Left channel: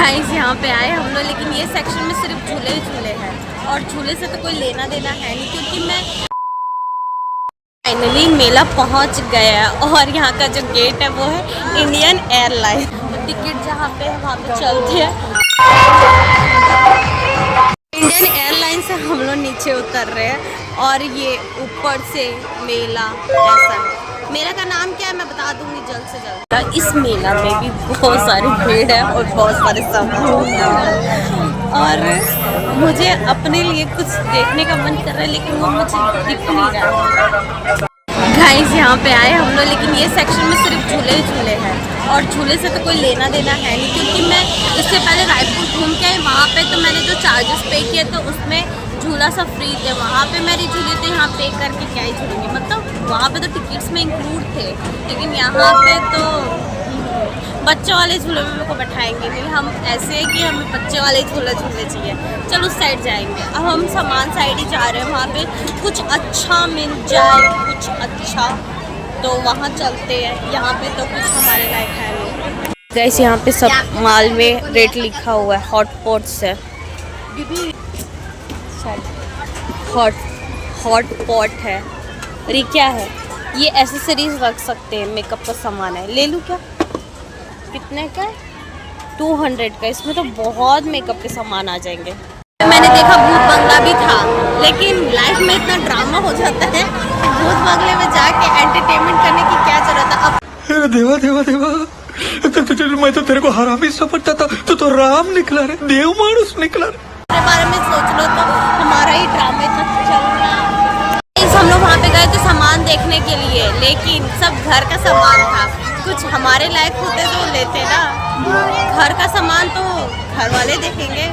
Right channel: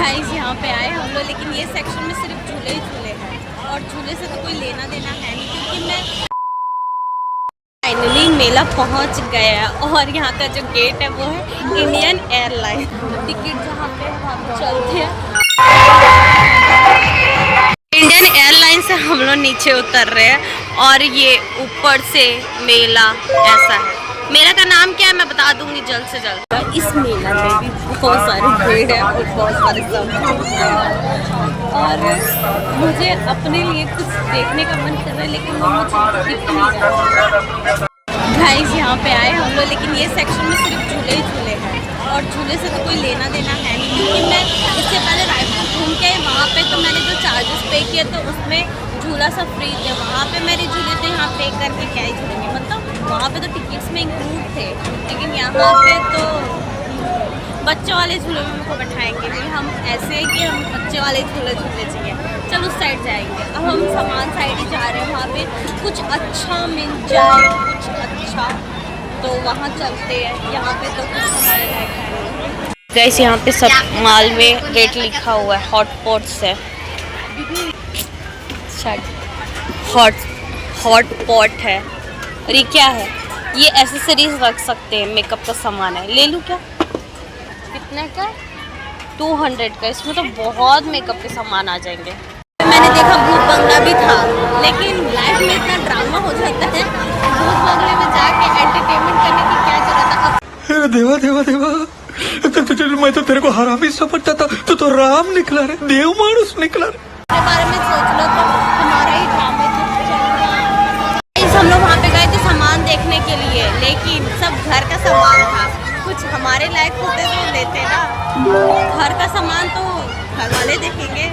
Guys यहाँ पे आए हम लोग, लेकिन ये सेक्शन में सिर्फ झूले ही झूले हैं और झूले से तो कोई लेना देना है नहीं, क्योंकि मैं फाइनली मेला पहुँच गया और यहाँ का जो गेट है वो है इंडियन एयरलाइन। टिकट जहाँ पे है वहाँ पे चलते हैं। इंडियन एयरलाइन से हम लोग नीचे उतर रहे हैं और ये ऊपर से मेला ऐसा है। मेला का नाम क्या है मैं बता दूंगी जल्द से जल्द। इस मेला में भी बहुत सारी भीड़ है और बहुत सारे सामान और मुझे अपने लिए कुछ देखने का मन कर रहा है, लेकिन वो मुझे दिख नहीं रहा है। गाइस यहाँ पे आए हम लोग, लेकिन ये सेक्शन में सिर्फ झूले ही झूले हैं और झूले से तो कोई लेना देना है नहीं, क्योंकि मैं इससे पहले रायपुर घूम के आई। वहाँ पे तो मैंने जो चार्जेस पे किए तो उसमें झूला सब फ्री थे। वहाँ पे मेरे झूले थे, यहाँ पे करके क्या ही झूलेंगे, मतलब वहाँ पे तो टिकट्स में इंक्लूड थे, लेकिन यहाँ पे तो बच्चों वाले झूले में मेरे को बैठाएंगे भी। हम ऐसे हैं कि हमें बच्चे वाले झूले झूलने चाहिए। चलो उस साइड जाएंगे। अब हम सामान साइड ही जा रहे हैं, वहाँ पे कुछ अच्छा मिल जाए, कुछ अच्छा तो वहाँ चलते हैं। यहाँ पे तो कुछ हमारे लायक है नहीं। गाइस यहाँ पे सब माल में रेट लिखा हुआ है। हॉट पॉट्स है, हॉट पॉट है। और ये क्या है? ये एसेसरीज रख सकते हैं, मेकअप का सामान है। ले लूँ क्या? कितने का? 200 का। इसमें तो बहुत मेकअप के सामान आ जाएंगे। मैंने देखा भूत बंगला भी था, लेकिन लाइफ में इतना ड्रामा हो जाता है, भूत बंगले में जाके एंटरटेनमेंट करने की क्या जरूरत है। अब देवा देवा देवा मैं तो तेरे को हरामी समझता था, तो राम निकला रे, देव मानुस निकला रे। इसके बारे में सोच लो तो हमारा ही ड्रामा चल रहा है। हम लोग वहाँ पे गए थे सामान देखने के लिए, लेकिन सब घर का सामान था। कुछ हमारे लायक होते तो लेते ना। घर का सामान तो घर वाले देखेंगे,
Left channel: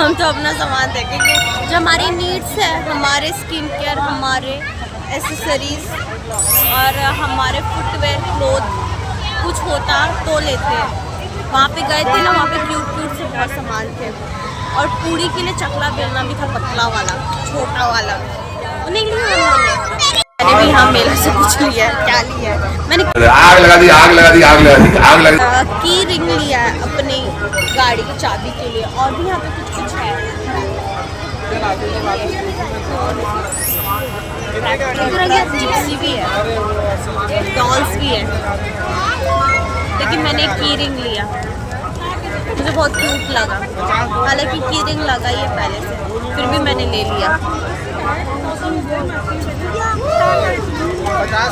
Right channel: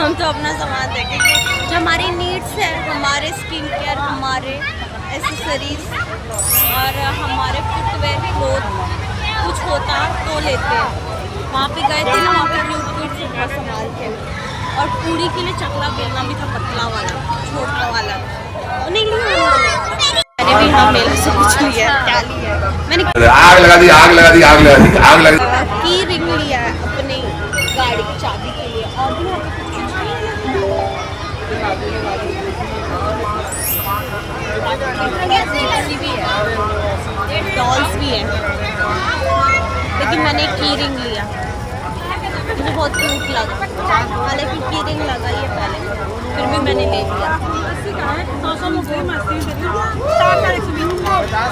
हम तो अपना सामान देखेंगे जो हमारी नीड्स है, हमारे स्किन केयर, हमारे एसेसरीज और हमारे फुटवेयर, क्लोथ कुछ होता तो लेते। वहाँ पे गए थे ना, वहाँ पे क्यूट से बहुत सामान थे और पूरी के लिए चकला बेलना भी था, पतला वाला, छोटा वाला। नहीं लिया मैंने भी। हाँ मेला से कुछ लिया। क्या लिया है मैंने? आग लगा दी, आग लगा दी, आग लगा दी, आग लगा दी। की रिंग लिया है अपनी गाड़ी की चाबी के लिए। और भी यहाँ पे कुछ कुछ है, जिप्सी भी है, डॉल्स भी है, लेकिन मैंने की रिंग लिया, मुझे बहुत क्यूट लगा। हालांकि की रिंग लगाई है पहले से, फिर भी मैंने ले लिया।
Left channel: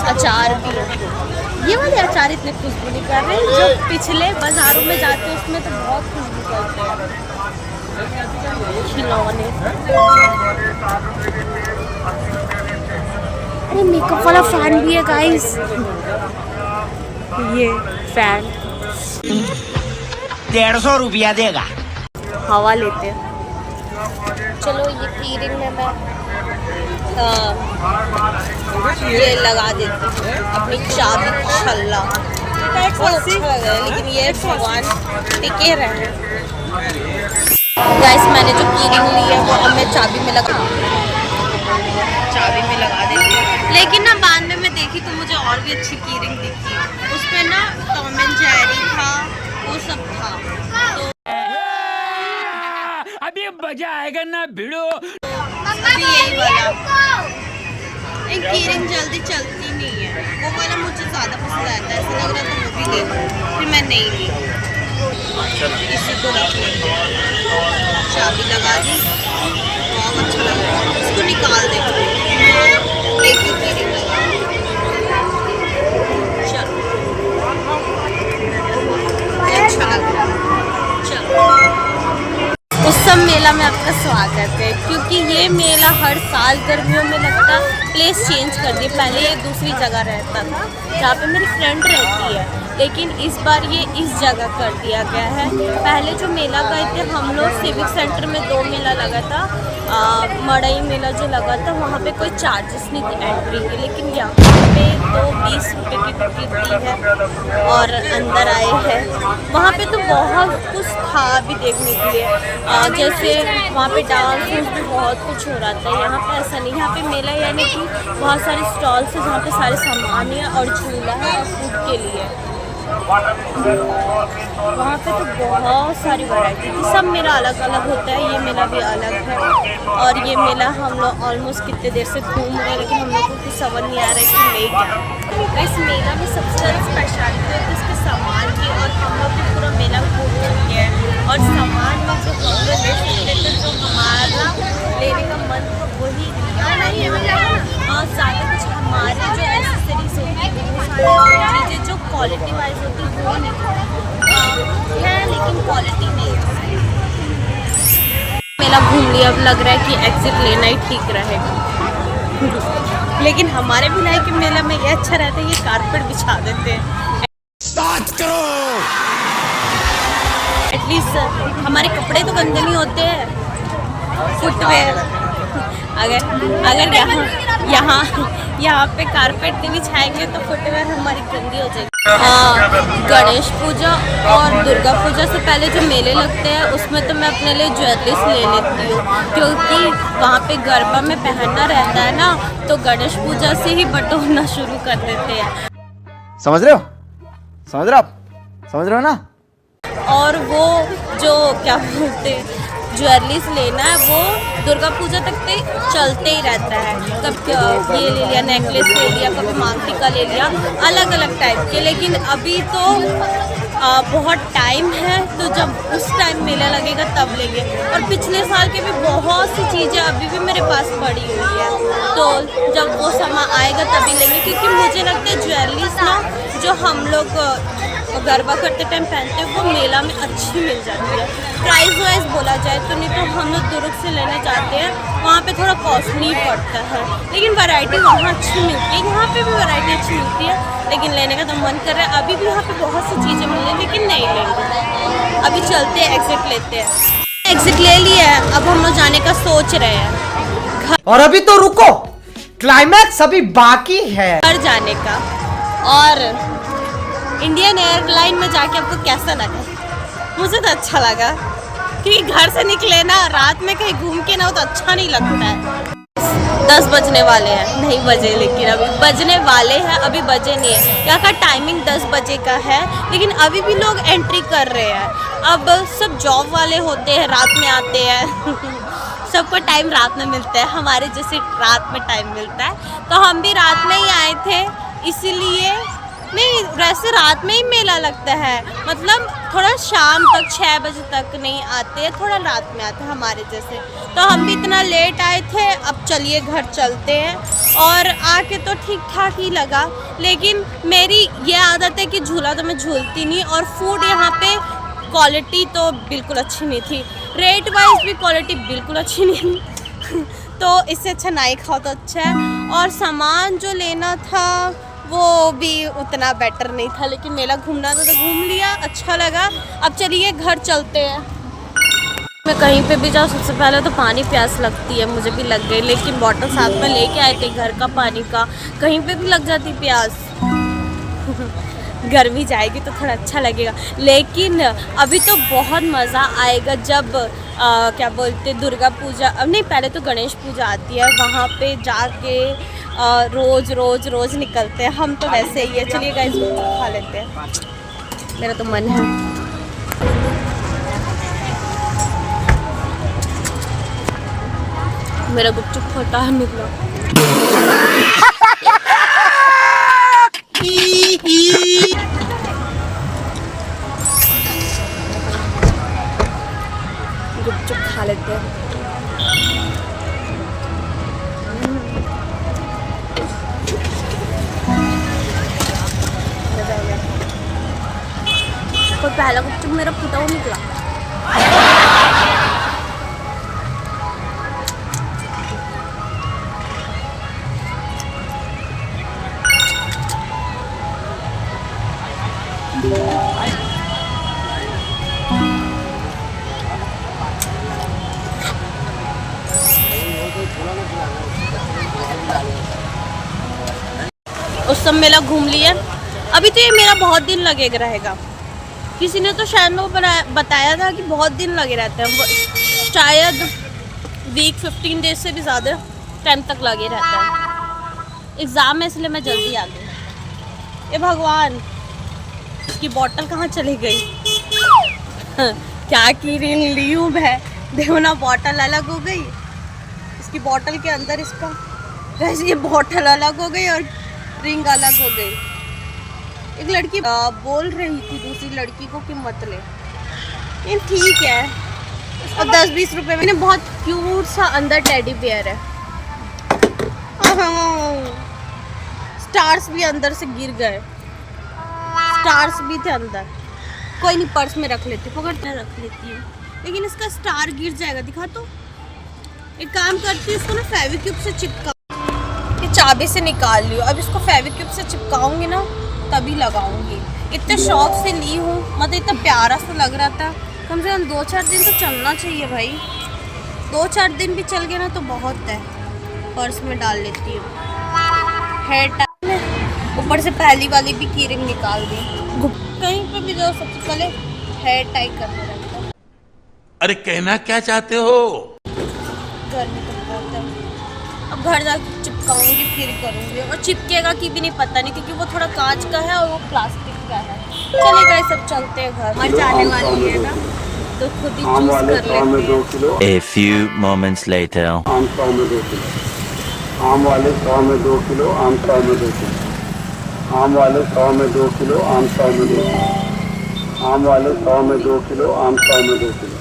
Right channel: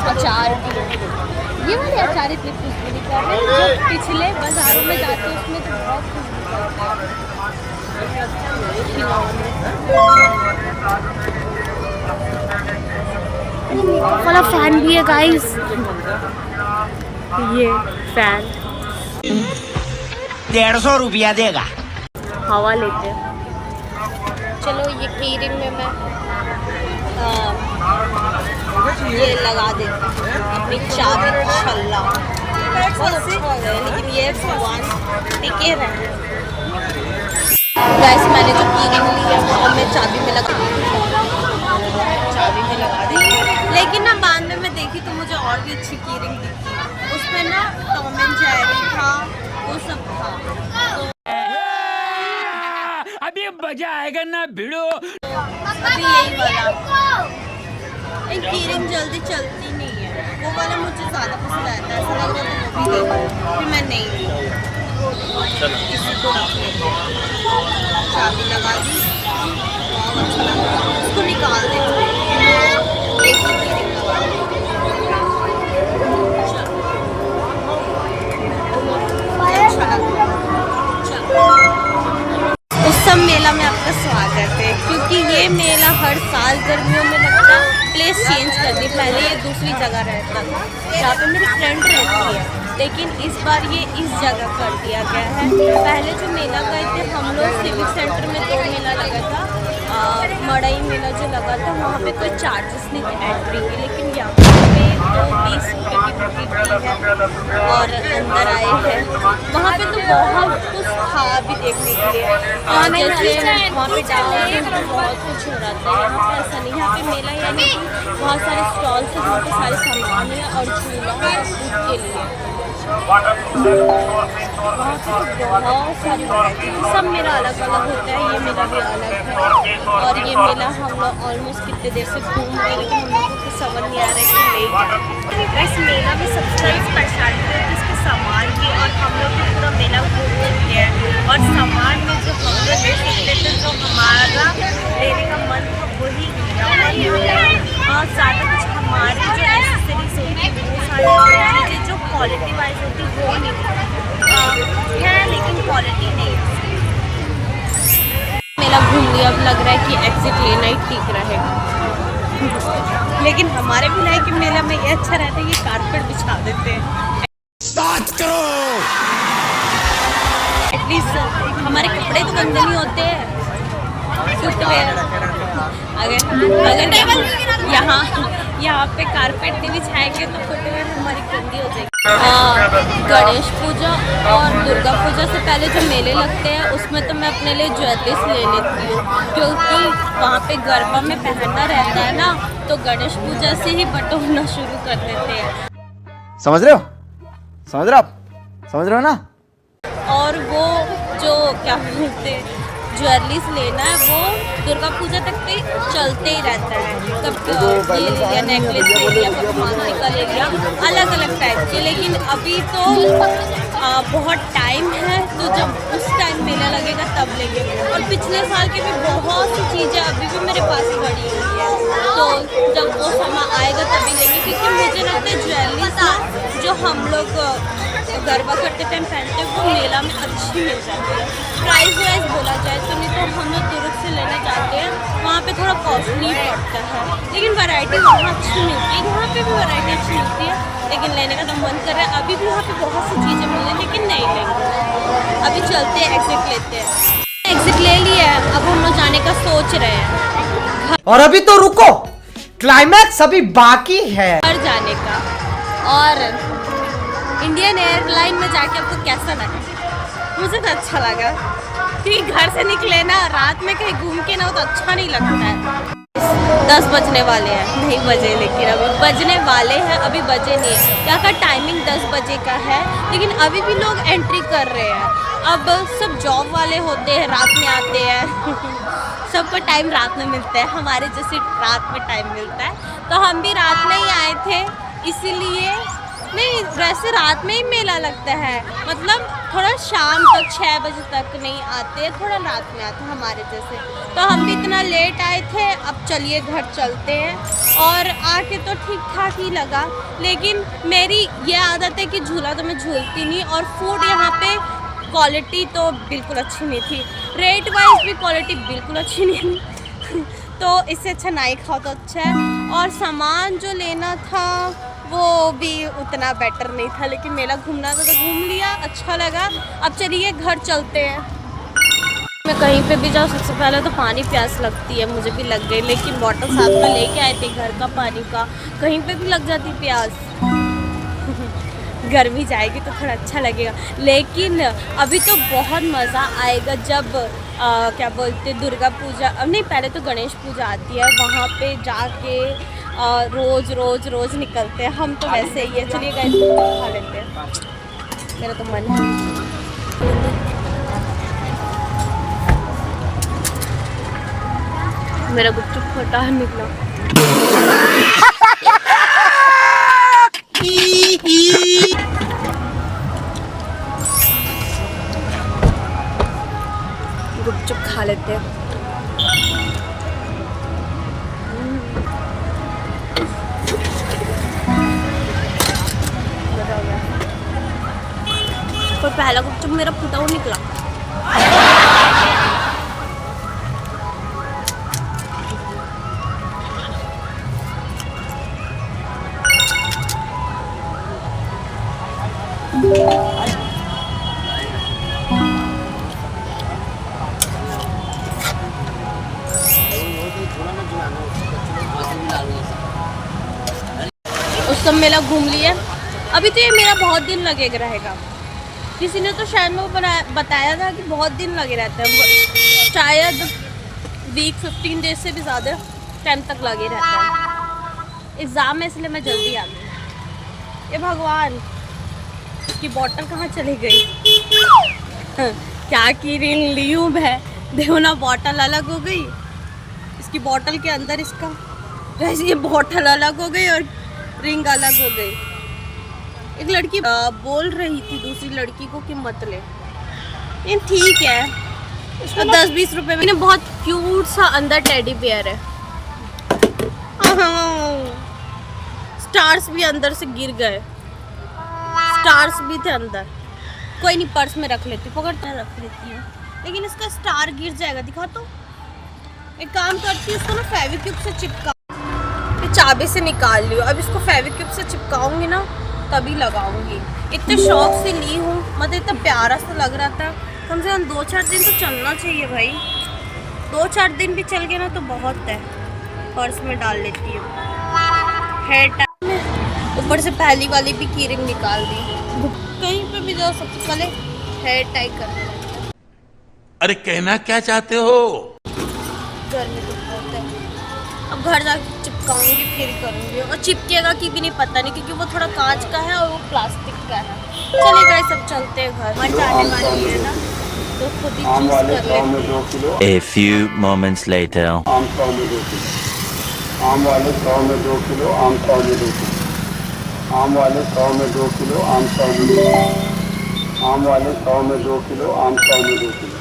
अचार भी, ये वाले अचार इतने खुशबू नहीं कर रहे, जो पिछले बाजारों में जाते हैं उसमें तो बहुत खुशबू करते हैं। खिलौने, अरे मेकअप वाला फैन भी है गाइस, ये फैन 150 रुपया देगा। हवा लेते हैं। चलो ये की रिंग में मैं ये लगा देती हूँ अपनी चाबी छल्ला। बहुत अच्छा लग रहा है, लेकिन ये भगवान टिके रहे। गाइस मैंने जो की रिंग ली है वो अब मैं चाबी में लगा देती हूँ, लेकिन ना बाद में मैं देखी तो मुझे और भी अच्छी की रिंग दिखी। उसमें ना टॉम एंड जेरी था, वो सब था। तो अभी मजा आएगा ना भिड़ो। अभी यही वाला एक की रिंग जल्दी चलती नहीं है, वो वाला मुझे ज़्यादा पसंद आता है। ऐसा लग रहा था वो भी ले लूं, फिर मैं नहीं ली। इसी को रख लेंगे, चाबी लगा दी। बहुत अच्छा लग रहा है, इसको निकाल देंगे। एक ही की रिंग लगा दी। चलो अच्छा लग रहा है। चलो उत्सव मेला में आपका स्वागत है, क्योंकि ये मेला हर साल गर्मियों में लगता है। प्लेस चेंज कर दी, पहले ये दूसरी जगह रहता था जहाँ पे मेरी फ्रेंड रहती है, लेकिन इस बार ये इस जगह कर दिया गया है। पहले जो मेला गए थे हम लोग, सिविक सेंटर में 2 मेला लगा था। मड़ई मेला जो लगा था वहाँ पे कोई चार्जेस नहीं थे एंट्री के, लेकिन यहाँ पे तो 20 रुपये की टिकट दी है और अंदर आए हैं। वहाँ पे तो बहुत कुछ था भी देखने के लिए, जैसे वहाँ पे डांस भी बहुत कुछ हो रहा था। यहाँ पे ऐसा नहीं, यहाँ पे मेला यानी कि बहुत सारे स्टॉल्स हैं जहाँ पे सारे सामान है और झूला है और फूड के लिए। वहाँ पे तो बहुत सारी वैरायटी थी। सब मेला अलग अलग होता है, ये मेला भी अलग है। और ये मेला हम लोग ऑलमोस्ट कितने देर से घूम रहे हैं, लेकिन हम लोग को कुछ समझ नहीं आ रहा है कि ले जाए। इस मेला में सबसे ज़्यादा स्पेशलिटी होती है इसके सामान की, और हम लोग भी पूरा मेला घूम चुके हैं। और सामान में जो हम लोग ले सकते थे, जो हमारा लेने का मन था वही लिया। और यहाँ पे ज़्यादा कुछ हमारे जो एक्सेसरीज होती है वो सारी चीज़ें जो क्वालिटी वाइज होती है वो नहीं है, लेकिन क्वालिटी नहीं है। मेला घूम लिया, अब लग रहा है कि एग्जिट लेना ही ठीक रहेगा। लेकिन हमारे भिलाई के मेला में ये अच्छा रहता है, ये कारपेट बिछा देते हैं। एटलीस्ट हमारे कपड़े तो गंदे नहीं होते हैं। फुटवेयर अगर यहाँ पे कारपेट नहीं बिछाएंगे तो फुटवेयर हमारी गंदी हो जाएगी। गणेश पूजा और दुर्गा पूजा से पहले जो मेले लगते हैं उसमें तो मैं अपने लिए ज्वेलरीज ले लेती हूँ, क्योंकि वहाँ पे गरबा में पहनना रहता है ना, तो गणेश पूजा से ही बटोरना शुरू कर देते हैं। समझ रहे हो? समझ रहे हो आप? समझ रहे हो ना? और वो जो क्या बोलते हैं ज्वेलरीज लेना है वो दुर्गा पूजा तक पे चलते ही रहता है। कब ये ले लिया, नेकलेस ले लिया, कभी मांग टीका ले लिया, अलग अलग टाइप के। लेकिन अभी तो बहुत टाइम है, तो जब उस टाइम मेला लगेगा तब लेंगे। और पिछले साल की भी बहुत सी चीज़ें अभी भी मेरे पास पड़ी हुई है, तो जब वो समय आएगा तभी लेंगे। क्योंकि मुझे लगता है ज्वेलरीज ना जो हम लोग गरबा करते टाइम पहनते हैं वो मेला में अच्छी मिल जाती है। प्राइस वाइज बोला जाए तो, नहीं तो हम लोग दुर्ग से लेना चाहते हैं, वहाँ पे थोड़ा कॉस्टली पड़ता है, लेकिन वैरायटी वहाँ अच्छी मिलती है। यहाँ पे भी वैरायटी अच्छी मिलती है, लेकिन लेने का तो मन कर रहा है। अभी भी यहाँ पे बहुत सी चीज़ें मिल रही है, लेकिन नहीं लेंगे। अभी चलते हैं, एग्जिट लेते हैं। एग्जिट ले लिया है, अब हम लोग जाने का सोच रहे हैं। और अभी तो रुको, क्लाइमैक्स अभी बाकी है। घर जाने का। और इंडियन एयरलाइन में जाके आपको कैसा लगा? मुझे तो अच्छा लगा, क्योंकि घर से निकले ना, रात में कहीं घूम के ना हो तो अच्छा नहीं लगता है। 10 बजने वाले हैं, नहीं बजे, लेकिन अभी बजने वाले हैं, अभी बजे नहीं है। यहाँ का टाइमिंग 10 बजे का है, लेकिन अभी भी लोग एंट्री कर रहे हैं। अब सब जॉब वाले होते हैं, रात में आते हैं सबको टाइम रात में मिलता है, हमारे जैसे रात में टाइम मिलता है, तो हम भी रात में ही आए थे। इसीलिए नहीं, वैसे रात में ही मेला लगता है, मतलब थोड़ा शाम तक 6 बजे तक नहीं आते हैं, थोड़ा रात में आते हैं हमारे जैसे। तो हम भी इतना लेट आए थे, अब चलिए घर चलते हैं। और आके तो ठीक ठाक ही लगा, लेकिन मेरी ये आदत है कि झूला तो मैं झूलती नहीं। और फूड यहाँ पे क्वालिटी तो बिल्कुल अच्छी नहीं थी, रेट वाइज भी क्वालिटी बिल्कुल अच्छी नहीं तो इससे अच्छा नहीं खाओ तो अच्छा है। और सामान जो लेना था वो भी उतना बेटर नहीं था, लेकिन मेला घूमना था तो घूम लिया, अच्छा लगा। अब चलिए घर चलते हैं। मैं कहीं पे भी जाऊँ सबसे पहले तो पानी प्यास लगती है, मुझे भी लग गई, लेकिन बॉटल साथ में लेके आए थे घर का पानी का, कहीं पे भी लग जाती प्यास गर्मी जाएगी तो थोड़ा अच्छा लगेगा। लेकिन अभी तो बहुत मज़ा आएगा जब क्या बोलते दुर्गा पूजा, अब नहीं, पहले तो गणेश पूजा आती है, वहाँ पे जाके रोज़ निकलते हैं हम तो वैसे ही है। चलिए गाइस गुपचुप खा लेते हैं, मेरा तो मन है। मेरा गुपचुप फटा निकला गुपचुप खा लेते हैं। मजा आ गया। पर पहला गुपचुप मेरा फूटा हुआ निकला। उस सब मेला घूम लिया। अभी तो ये मेरा बहुत दिन लगे रहेगा, किसी ने तो शायद में बताया था कि बहुत दिन लगे रहते हैं, शायद वीक 15 डेज से भी ज़्यादा टाइम तक लगे रहता है। एग्ज़ाम है इसलिए मैं जल्दी आ गई। ए भगवान, इसकी बोतल कहाँ चली गई? क्या की रिंग ली हूँ मैं, देखो ना बोतल अलग हो गई, इसकी बोतल के अंदर इसका वैसे ये बोतल अलग हो गई और रिंग अलग हो गई। एक लड़की बोल रही थी दूसरी लड़की को कि मत ले, ये ठीक है, इसको 10-20 रुपए में। बहुत क्यूट सा अंदर टेडी बियर है, स्टार्स भी अंदर से गिर गए, स्टार्स भी थे अंदर। कोई नहीं, पर्स में रख लेती, पकड़ते रख लेती हूँ, लेकिन इसका स्टार गिर जाएगा। दिखा तो, एक काम करती हूँ, इसको ना फेविक्विक से चिपका, ये चाबी से निकाल लियो। अब इसको फेविक्विक से चिपकाऊंगी ना तभी लगाऊंगी। इतने शौक से ली हूँ, मतलब इतना प्यारा सा लग रहा था। कम से कम 2-4 दिन तो चलना चाहिए भाई, 2-4 दिन भी चल गया ना तो बहुत है। पर्स में डाल लेती हूँ। हेयर टाई में ऊपर से पहली वाली भी की रिंग निकाल दी। कहीं पे भी जाओ सबसे पहले हेयर टाई करना रहता है। अरे कहना क्या चाहते हो? गर्मी तो बहुत है, अब घर जाके चिपकाऊंगी फिर करूंगी। और चिपकेगा कि भी नहीं पता नहीं, क्योंकि वो थोड़ा कांच का है और वो प्लास्टिक का है। चले गए सब, चलते हैं घर। मर जाने वाली है ना तो खुद ही चूज कर लेते हैं। A few moments later. आम 100 में 2 किलो, आम वाले 100 में 2 किलो, आम 100 में 2 किलो, आम वाले 100 में 2 किलो, आम 100 में 2 किलो, आम वाले 100 में 2 किलो, आम 100 में 2 किलो,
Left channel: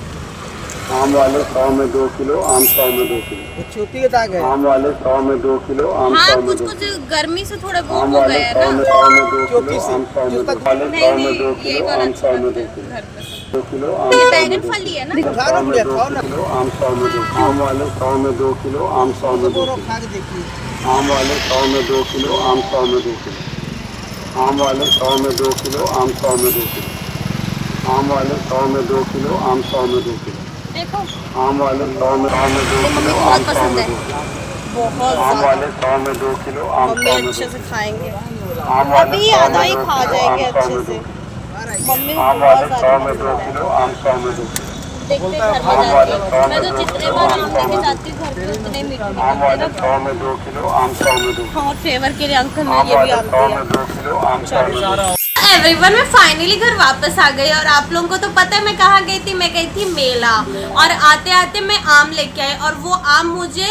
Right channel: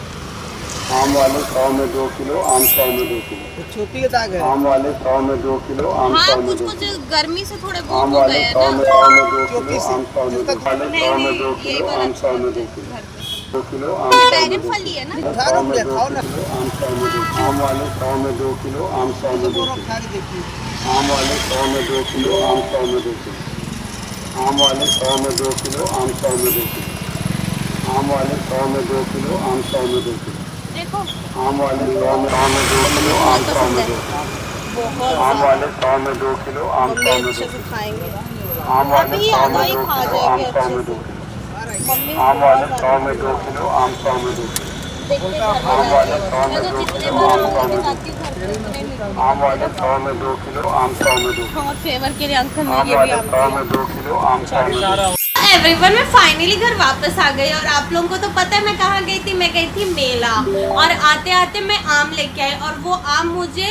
आम वाले 100 में 2 किलो, आम 100 में 2 किलो, छोटी के दाग है। आम वाले 100 में 2 किलो, आम 100 हाँ, में 2 कुछ किलो, गर्मी से थोड़े वो आम हो वाले गए 100 हैं में ना। 100 में 2 किलो, आम 100 में 2 किलो, वाले 100 में 2 ये किलो, वाला आम 100 में 2 अच्छा किलो, घर पे। 2 किलो, आम 100 में 2 बैगन फल ही है ना। 100 में 2 किलो, आम 100 में 2 किलो, आम वाले 100 में 2 किलो, आम 100 में 2 किलो, आम वाले 100 में 2 किलो, आम 100 में 2 किलो, आम वाले 100 में 2 किलो, आम 100 में 2 किलो, आम वाले 100 में 2 किलो, आम 100 में 2 किलो, देखो आम वाले 100 में 2 तो मम्मी किलो, को आम बहुत 100 पसंद में है, 2 किलो, बहुत आम वाले ज़्यादा। 100 में 2 किलो, आम मम्मी 100 में 2 अच्छे से किलो, खाएंगे, आम वाले अभी 100 आधा में ही 2 खा किलो, जाएंगे आम 100 अच्छे में 2 से। किलो, मम्मी को आम बहुत वाले ज़्यादा 100 में 2 पसंद है। किलो, आम 100 में 2 किलो, देखते घर में जाती हूँ मैं, तो जितने बार आम लेके जाती हूँ घर पे उतने मीठे आम निकलते वाले ना। 100 में 2 किलो, आम 100 में 2 किलो, और फेवर के लिए अंकल ने आम ये भी वाले आम 100 दिया। में 2 किलो, आम 100 में 2 किलो। एवरीवन, मैं फाइनली घर वापस आ गई और आप लोगों को तो पता है मैं कहाँ गई थी। मैं गई थी मेला, और आते आते मैं आम लेके आई, और वो आम मुझे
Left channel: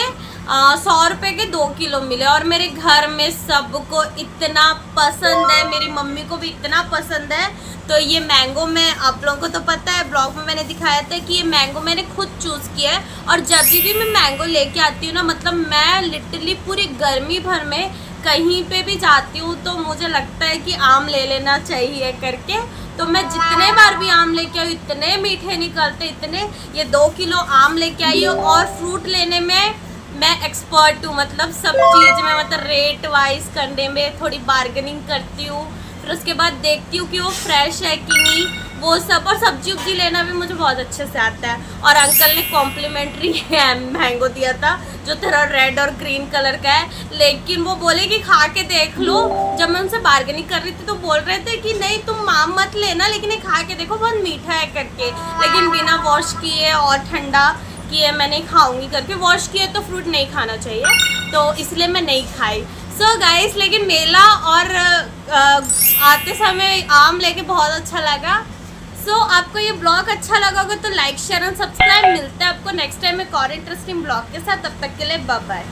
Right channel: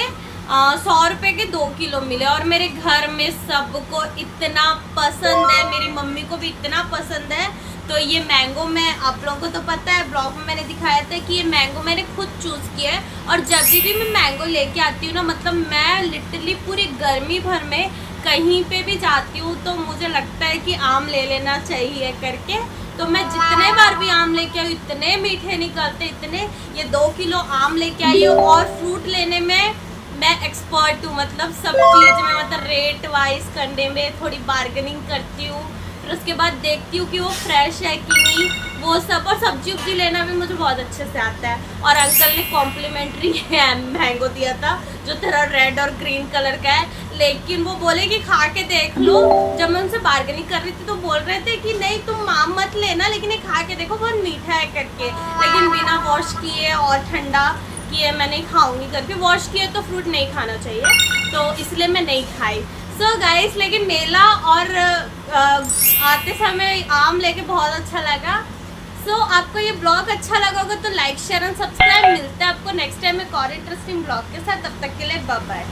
100 रुपए के 2 किलो मिले। और मेरे घर में सबको इतना पसंद है, मेरी मम्मी को भी इतना पसंद है। तो ये मैंगो, मैं आप लोगों को तो पता है ब्लॉग में मैंने दिखाया था कि ये मैंगो मैंने खुद चूज़ किया है। और जब भी मैं मैंगो लेके आती हूँ ना, मतलब मैं लिटरली पूरी गर्मी भर में कहीं पे भी जाती हूँ तो मुझे लगता है कि आम ले लेना चाहिए करके। तो मैं जितने बार भी आम लेके आई इतने मीठे निकलते, इतने। ये 2 किलो आम लेके आई हूँ, और फ्रूट लेने में मैं एक्सपर्ट हूँ, मतलब सब चीज़ में, मतलब रेट वाइज करने में थोड़ी बार्गेनिंग करती हूँ। फिर उसके बाद देखती हूँ कि वो फ्रेश है कि नहीं, वो सब। और सब्जी उब्जी लेना भी मुझे बहुत अच्छे से आता है। और अंकल ने कॉम्प्लीमेंट्री मैंगो दिया था जो थोड़ा रेड और ग्रीन कलर का है, लेकिन वो बोले कि खा के देख लो। जब मैं उनसे बार्गेनिंग कर रही थी तो बोल रहे थे कि नहीं तुम आम मत लेना, लेकिन ये खा के देखो बहुत मीठा है करके। लेकिन बिना वॉश किए और ठंडा किए मैं नहीं खाऊंगी करके। वॉश किए तो फ्रूट नहीं खाना चाहिए, तो इसलिए मैं नहीं खाई। सो गाइस, लेकिन मेला और आते समय आम लेके बहुत अच्छा लगा। सो आपको ये ब्लॉग अच्छा लगा होगा तो लाइक शेयर और सब्सक्राइब। मिलते हैं आपको नेक्स्ट टाइम एक और इंटरेस्टिंग ब्लॉग के साथ, तब तक के लिए बाय बाय।